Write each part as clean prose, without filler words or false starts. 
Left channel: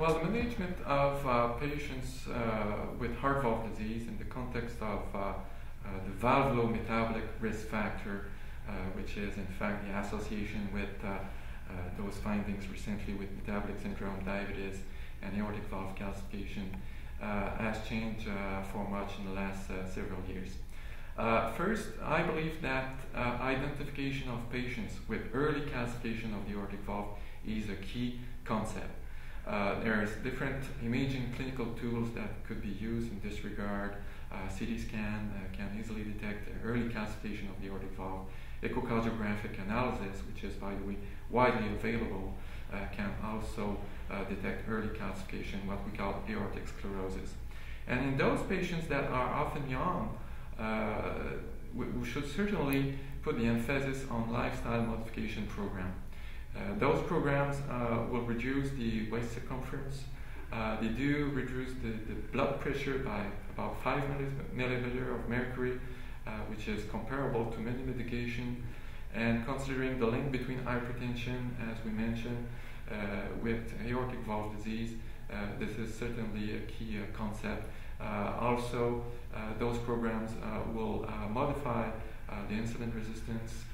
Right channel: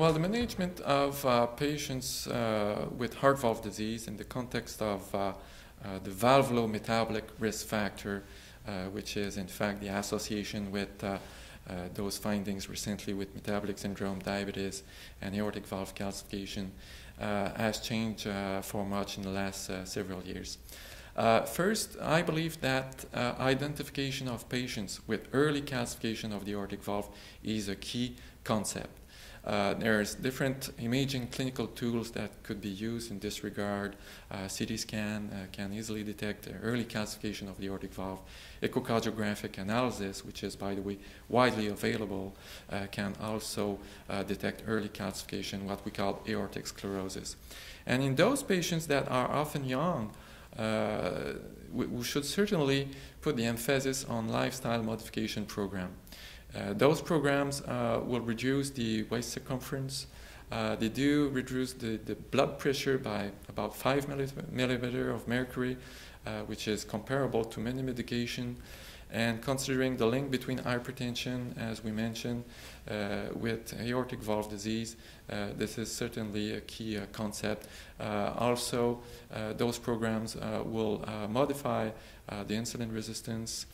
Well, the management of patients with heart valve disease in the context of the valvulometabolic risk factor, which is in fact the association with those findings recently with metabolic syndrome, diabetes, and aortic valve calcification, has changed for much in the last several years. First, I believe that identification of patients with early calcification of the aortic valve is a key concept. There's different imaging clinical tools that could be used in this regard. CT scan can easily detect early calcification of the aortic valve. Echocardiographic analysis, which is, by the way, widely available, can also detect early calcification, what we call aortic sclerosis. And in those patients that are often young, we should certainly put the emphasis on lifestyle modification program. Those programs will reduce the waist circumference. They do reduce the blood pressure by about 5 millimeter of mercury, which is comparable to many medication. And considering the link between hypertension, as we mentioned, with aortic valve disease, this is certainly a key concept. Also, those programs will modify the insulin resistance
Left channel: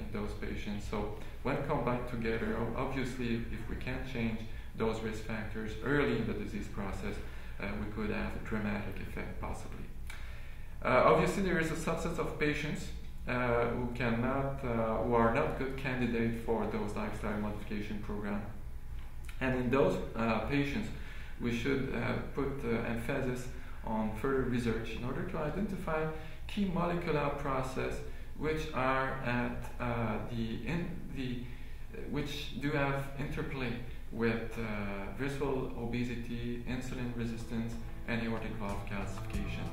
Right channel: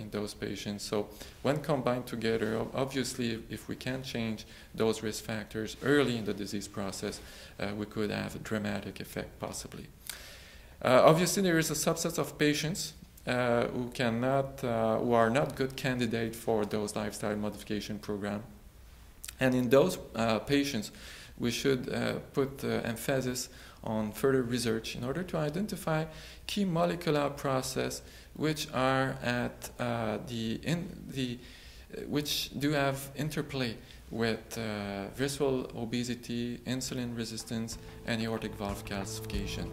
in those patients. So when combined together, obviously if we can change those risk factors early in the disease process, we could have a dramatic effect possibly. Obviously there is a subset of patients who are not good candidates for those lifestyle modification program. And in those patients, we should put emphasis on further research in order to identify key molecular processes which are at which do have interplay with visceral obesity, insulin resistance, and aortic valve calcification.